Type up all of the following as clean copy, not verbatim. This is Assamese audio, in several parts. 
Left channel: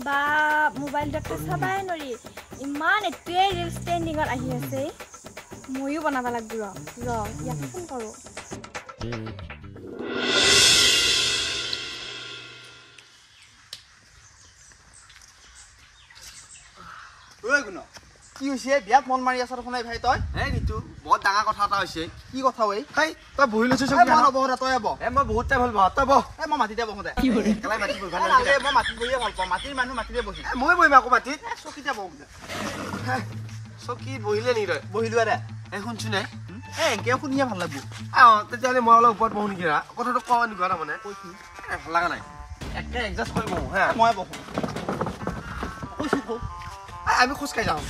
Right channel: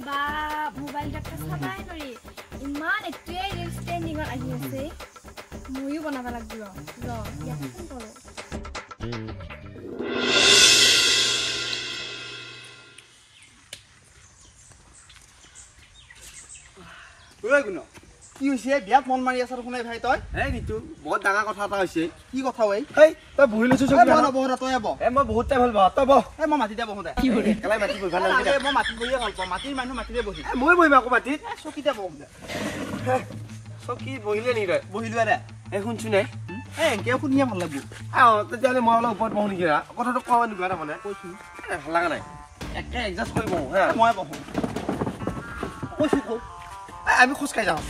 বা মোবাইল দেখতে চাবাই নৰি ইমান এটোৱে ৰিলছ ট্ৰেন্ডিঙত আহি আছে মইও বনাব লাগিব ইয়াক ফোন কৰো ওই গুণ কি হৈছে বিয়াত মন মাৰি আছৰ শুনাই ভাই তই এই নিতু বহুত ডাঙৰ কথা এটা হৈছে কি কথা ঐ এই তই বহি লৈছ মই নবহৰা তই বহ মই বহুত টাইম হ'ল বহ তই বহ মই মাটিতে বহো দে একেলাই মাটি বহি ভাল লাগে মই মাটি বহিয়ে ভাল পাওঁ মাটিৰ মানুহ মাটিতে বহি মই বহিম আকৌ মাটিত চকীতে বহো দে চকী বহিলে নি তই বহিলোৱা দে এই শুনছো নাই এনেকে শুনিয়ে ভাল লাগিব তেতিয়াহ'লে মই অলপ ওপৰত বহো নেকি কথাটো কোৱা নেকি তাৰমানে কৈছো লগা নাই একে এডজাষ্ট কৰি বহো হা মই বহো কৈছো আমি খোজকাঢ়ি যাওঁ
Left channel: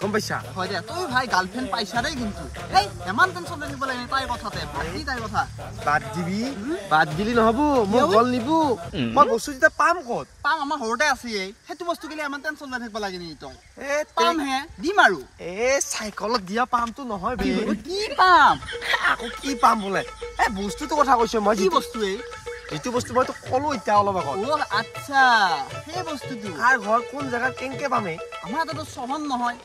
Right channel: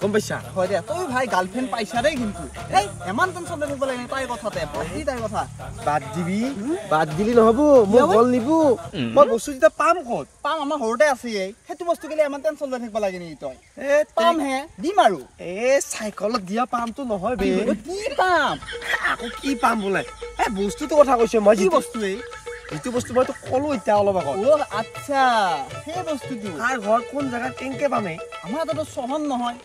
গম পাইছা হয় দে তই ভাই গাৰ্লফ্ৰেণ্ড পাইছা দেই কিন্তু এই ইমান টেনশ্যন লৈ থাকিব লাগে তাইৰ কথাতে বাকী তাইৰ কথা বাদ দিলি নহ'ব মোক গল নিবো মই বস্তু যেতিয়া পাম ক'ত পাম আমাৰ ঘৰতে আছে সেইটো বস্তু কেলে ইমান টেনশ্যন লৈ থাকিব লাগে নেকি তই পাম হে দিম আৰু চাইকেলত দিয়া পামটো নহয় বে কি পাম আকৌ কি পাম বোলে বস্তুটো কথা কৈছো মই কি বস্তু যিটো বস্তু মই তোক ক'লো এতিয়া অলপ আগত আচ্ছা সেই বস্তুটো কাৰ ঘৰ কোন জেগাত কেনেকে পামে আমাৰ তাতো চহৰ নহয়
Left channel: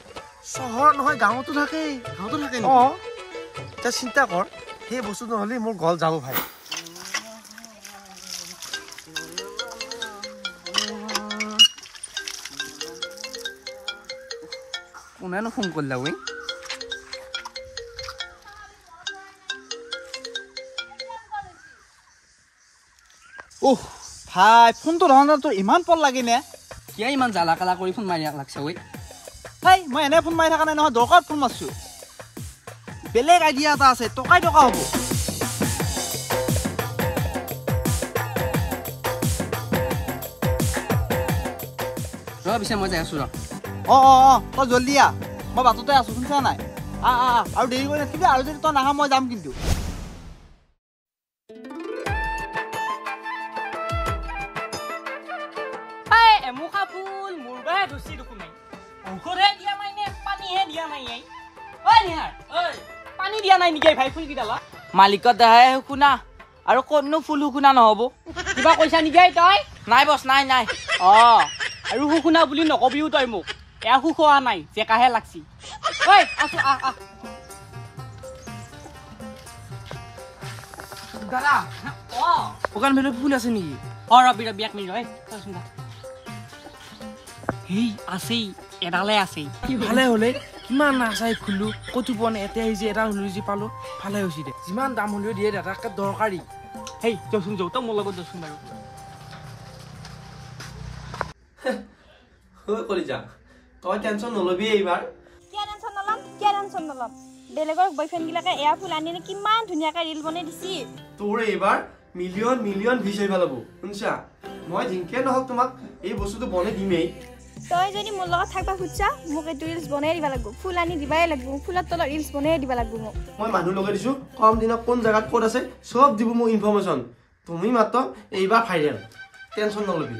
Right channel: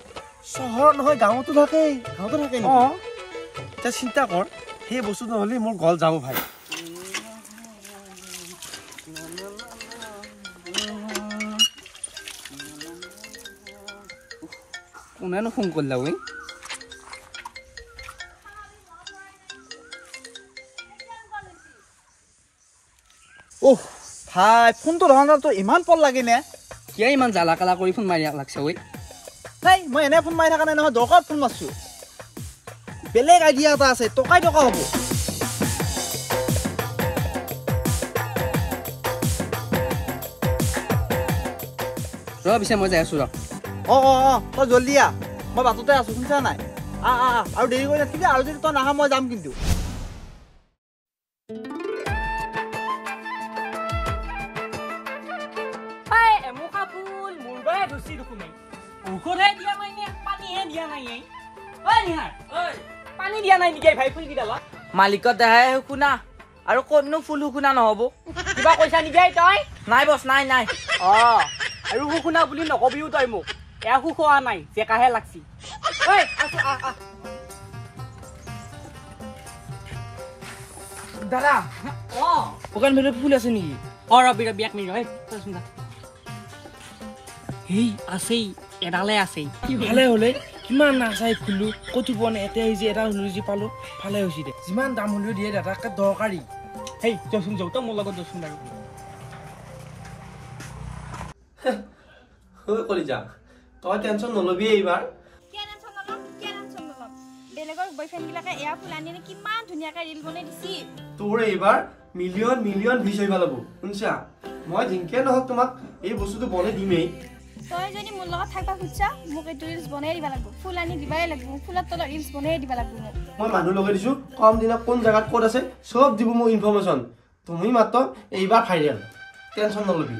চহৰত নহয় গাঁৱতো থাকেই গাঁৱতো থাকে তই চিন্তা কৰ সেই বস্তু নহ'লে মোৰ গল যাব ভাই কোনেনো ফোন কৰিলা ঐ ভাই ফোনটো ধৰণটো ইমান পল লাগে নে কিয় ইমান জ্বালা কালা কৰি ফোন মাৰি লাগছে ঐ ভাই মই এনে ফোন মাৰি থকা নাই নহয় দৰকাৰ ফোন মাৰছো বেলেগ আইডিয়া এটা আছে টকা হ'ব ৰ পিছে মই যাই আছো ৰ তই জল্দি আহ মই বাটতে আছো শুনিছা নাই আৰু দেৰি কৰি নাথাকিবি আৰু যদি তই নাহা মই যাম কিন্তু মালিকত দেখাই শুনা আৰু ক'তনো ফুল শুনা নহ'ব কিবা কৈছা নেকি তই নাই বছ নাই আৰু শুনা বুলি নকবিও তই মোক এয়া শুখোৱা নাই জেকাহে লাগছি দাদা শুকান ভেলত ফুল আছে নেকি ৰবি এক মিনিট সেই আছেই এডালে আছেই ভালে হ'লে কিমান নাচাই ফুলো ক'তো পোৱা নাই এতিয়া যে এটা নুজি পালো ভালে হৈছে দে যিমান দাম হ'লেও দিয়ে দাদাকে দৰকাৰী সেই যচোন যাওঁ তই মোৰ লগত যচোন বাৰু কৰি যা তই টেনশ্যন নলবি এইবাৰ কিয় টেনশ্যন নলম বেলেগৰ বয়ফ্ৰেণ্ড বিলাকে এয়া ফুল আনি কিমান ধুনীয়াকৈ ৰিল বনাই দিছি তোৰ এইবাৰ মিলিয়ন ভিউজ আহিব লাগিব শুনছা মই জিংকে নহওক তোমাক এই বস্তুটো বনাই দিমেই তই যদি মোৰ লগত থাকবা খুজিছা মোক এইটো ৰিলছ বনাই দিব লাগিব ফুল আনি দিবাই লাগিব ফুলৰ তলত ৰিলছ বনাই দিব লাগিব মোক মই মানুহ লগাই দিছো কম দিনত কোন জেগাত ক'ত আছে চব দিব মোক ইনফৰমেশ্যন তুমি মাত্ৰ এইবাৰ ভাইৰেল টেনশ্যন নলবি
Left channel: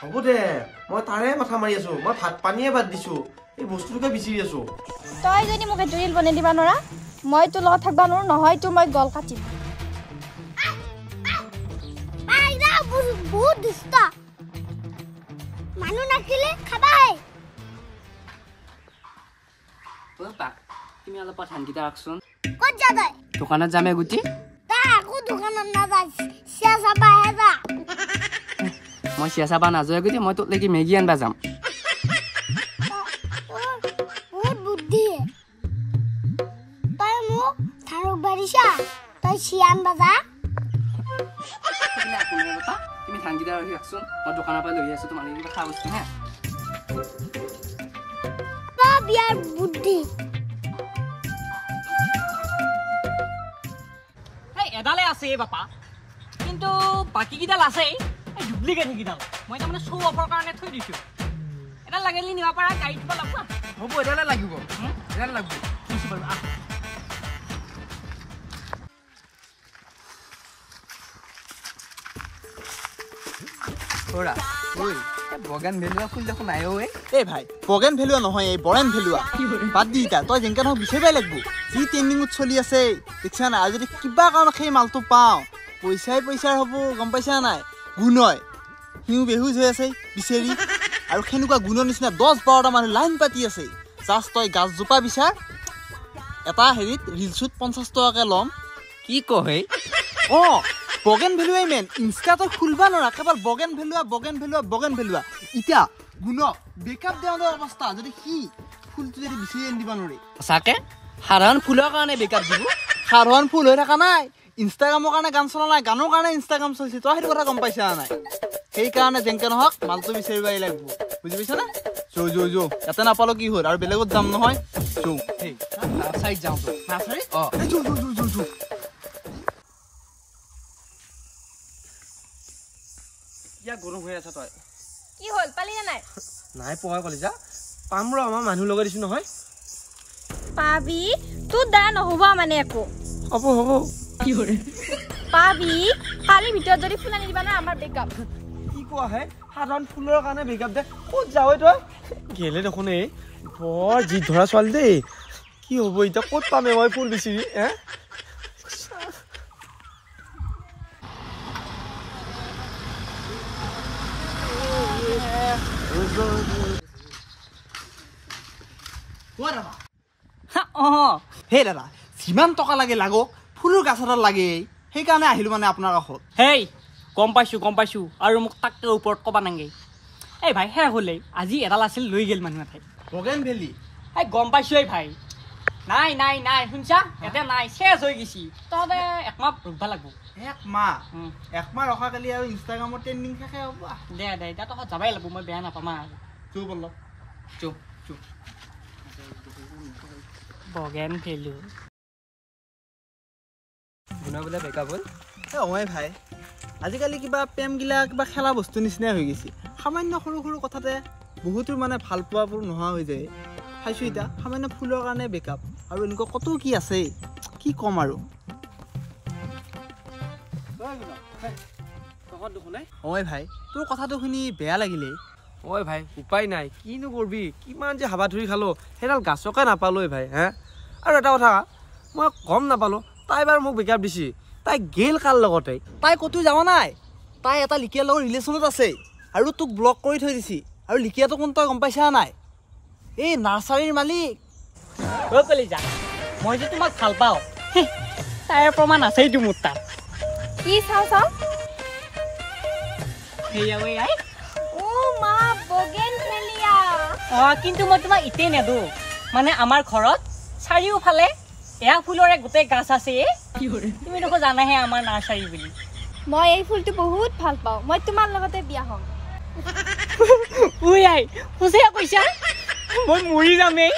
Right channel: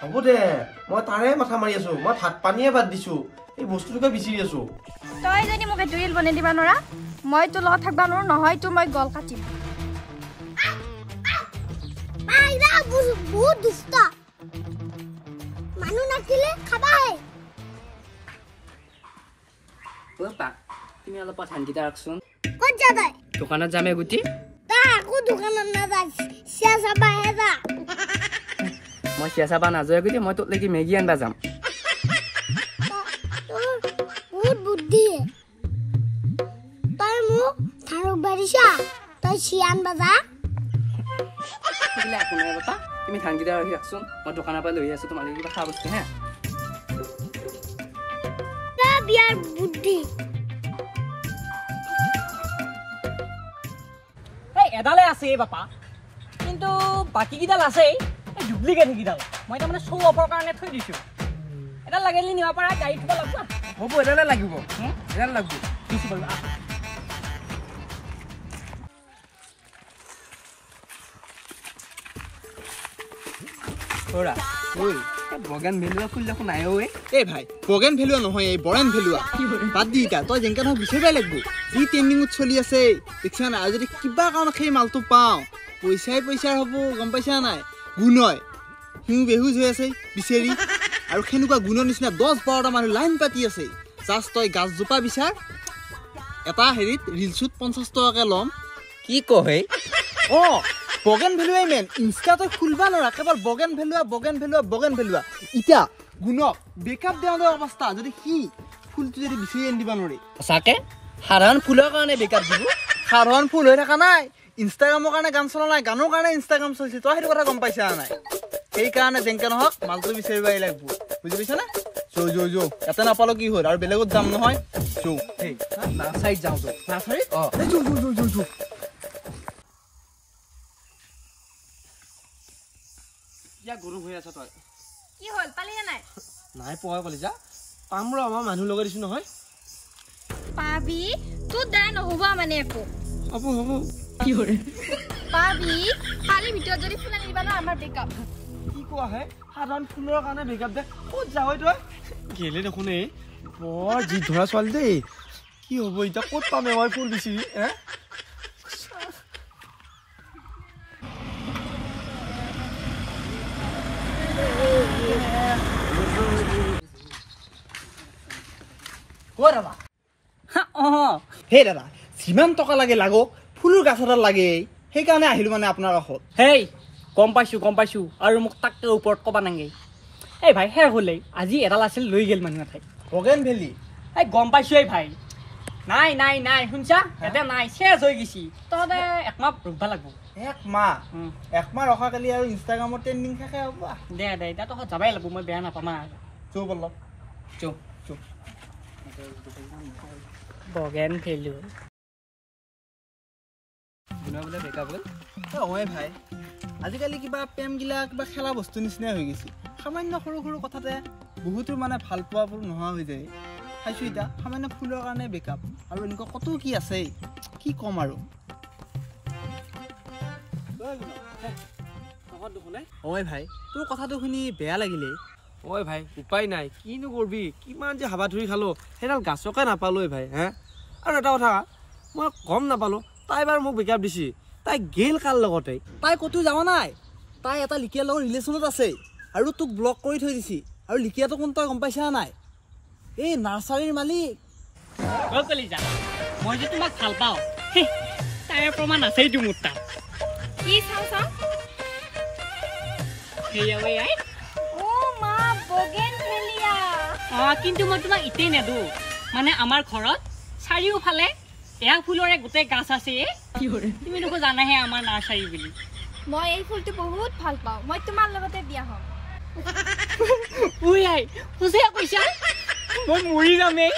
হ'ব দে মই তাৰে মাথা মাৰি আছো মই ভাত পানীয়ে বাদ দিছো এই বস্তুটোকে বিচাৰি আছো তই যদি মোক এইটো ৰিল বনাই দিবা নোৱাৰা মই তোৰ লগত থাকবা নোৱাৰো নহয় তোৰ মই গল কাটিম বহুত দুষ্ট মানুহ নাছিলে খাবাই তুমি অলপ ধানকেইটা ৰাখচোন ক'ত যা তই দোকানত যামে গুটি তই একো দোকানত নাযায় চিয়া চাবাহে যা মই চিয়া চাবা নাযায় গুটি মই তোক লাগি মেগী আনবা যাম বহুত বুদ্ধি তই মোক ধাৰক বাঢ়িছা তই চিয়া আনবা যা তুমি ধানকেইটা ৰাখি ৰাখচোন মই দোকানৰ পৰা লৈ আছো তোমালোকে কিবা খোৱা বস্তু হে বিয়াৰ বুদ্ধি এডালে আছে বাপা কিন্তু বাকী কেইডাল আছেই ডুপ্লিকেট সেইকেইডাল মই তাৰমানে শ্ব' অফৰ কাৰণে থৈ দিছো এডাল লাগিলে নিব পাৰা গাড়ীত থ'ব লাগিব হ'ব এডালে লাগিব এডাল লাগিব দিছো বাৰু বগান ভেলুৱা ফুল দেখোন নাই এই ভাই বগেন ভেলুৱা নহয় এই বৰেন ভেলুৱা বাদ দি এতিয়া তই যেনেকৈ নহওক বিচাৰিবই লাগিব কি ট্ৰেণ্ডিঙত চলি আছে দেখিছা নাই আৰু যদি কিবা কাৰণত সেই মালটো পাওঁ পইচাই হ'ব গম পাইছা নাই গুণ হয় সিও বেহুজ হৈ আছে বিচাৰি আৰু সেনেকুৱা গুণৰ নিচিনা 10-12টা মানুহ লাইন পাতি আছে জাষ্ট তই গাছজোপা বিচাৰ এটা হেৰিত ৰিলছত 50 টকাকে ল'ম কি কহে বগেন ভেলুৱাই মেন ইনষ্টাটো খুলিব নোৱাৰা কেৱল বগেন ভেলুৱা এতিয়া গুণক বেকআপ দিয়া অৱস্থা যদি সি ফুলটো যদি বিচাৰি আনি দিব নোৱাৰে সঁচাকে সাধাৰণ ফুলৰ কাৰণে বেকআপ দিব সাধাৰণ ফুল হৈ থকা নাই ইনষ্টাগ্ৰামৰ কাৰণে গান চলা নাই গানৰ কাৰণে ইনষ্টাগ্ৰাম চলিছে তই সেইটো কথা গম পাইছা নাই সেইকাৰণে যেনেকে নহওক মালটো বিচাৰিবই লাগিব বুজি পাইছা না যো ইয়াতে নাপালো কি হ'ল আৰু বেলেগত যাম নহয় নাৰ্চাৰীত যাওঁ তো নাৰ্চাৰীত যো কিয় গৰম হৈ আছা তই কি হ'ল পালি না নাই নাই পোৱা কলিজা পাম ৰ আমাৰ মানুহ লগাই দিছো নহয় পাবি তোৰ দা নহ'ব মানে একো হ'ব পাবি কালিৰ ভিতৰত যদি ফুল আনি দিবা না আমাৰ বেকআপ কি কোৱা হে সাধাৰণ ফুলৰ কাৰণে বেকআপ দে ক'ত যাৱ তই গেলে দেখোন এই বৰ জিদ ধৰা ছোৱালী দেই কি হ'ব এতিয়া ক'ত পামে মই ফুল বিচাৰি হে হে দাদা যিমান টকা লাগে লাগক ফুলৰ গাছ এডাল লাগে সেইকাৰণে আহিলো মানে আপোনাৰ কাষত হেই গম পাইছো আৰু মোক তাকে ওপৰত ক'বা নাগে এই ভাই শেষ হ'লে আজি এডাল আছিল লৈ গেল মানুহ এঠাই বগেন ভেলি এই গম পাইছো এই ভাই নাই শুনছা এতিয়া নাই শেষ হৈ গৈছি তহঁতে একমাহ ৰখিব লাগিব একমাহ ৰখা কালি আৰু ইনষ্টাগ্ৰামত ট্ৰেণ্ডিং থাকে হ'ব দে এতিয়া তহঁত যাবাই লাগিব মই বেয়া নাপামা চৌ বলক চৌ বগেন ভেলু বোলে বেকআপ হ'ল হয় ভাই আজিকালি কিবা প্ৰেমগিলা কিবা খেলা বস্তু নিচিনাই হৈ গৈছে সামান্য সৰু কথাতে বহুতো মানে ভাল পোৱাবোৰ নোহোৱা হৈ যায় খাইছোঁ এতিয়া সামান্য ফুলৰ কাৰণে বেকআপ আৰু এনেকুৱা কত কি আছে কি ক'ম আৰু হয় ভাই তোৰ কথাটো শুনি বেয়া লাগিলে ঐ ভাই উপায় নাই কিনো কৰবি কিমান যে হাবা ধৰি খালো সেইডাল গাছকে নাপালো ভাই হে আৰু এটা কথা মই গম নাপালো তাই বাৰু মোক বেকআপ দিছি তাই গেল কাৰ লগতে তাই ক'তো যাব নাই তাই এটা লিকিয়াৰ লগত ৰিলেশ্যনত আছে আৰু তোক ব্লক কৰি থৈ দিছি আৰু লিকিয়াটো কোন তই গম পাইছা নাই এই নাৰ্চাৰীৰ মালিক অ' কলিজা মই যে তোমাক ভাল পাওঁ তাইৰ প্ৰমাণ আছেইতো মোৰ তাত কি চাওঁ মা বগেন ভেলিয়া কিন্তু মই তোমাক ইতেই নেদো মানে আমাৰ ঘৰত চাৰিওফালে এয়া ফুলৰে গোটেই গাছ আছে তুমি দেখোন জানাহে আমাৰ নাৰ্চাৰী বুলি মই এই ফুলটো বহুত ভাল পাওঁ মই তোমাৰ লগতে বিয়া হ'ম সঁচাই কৈছা মই মৰি যামেই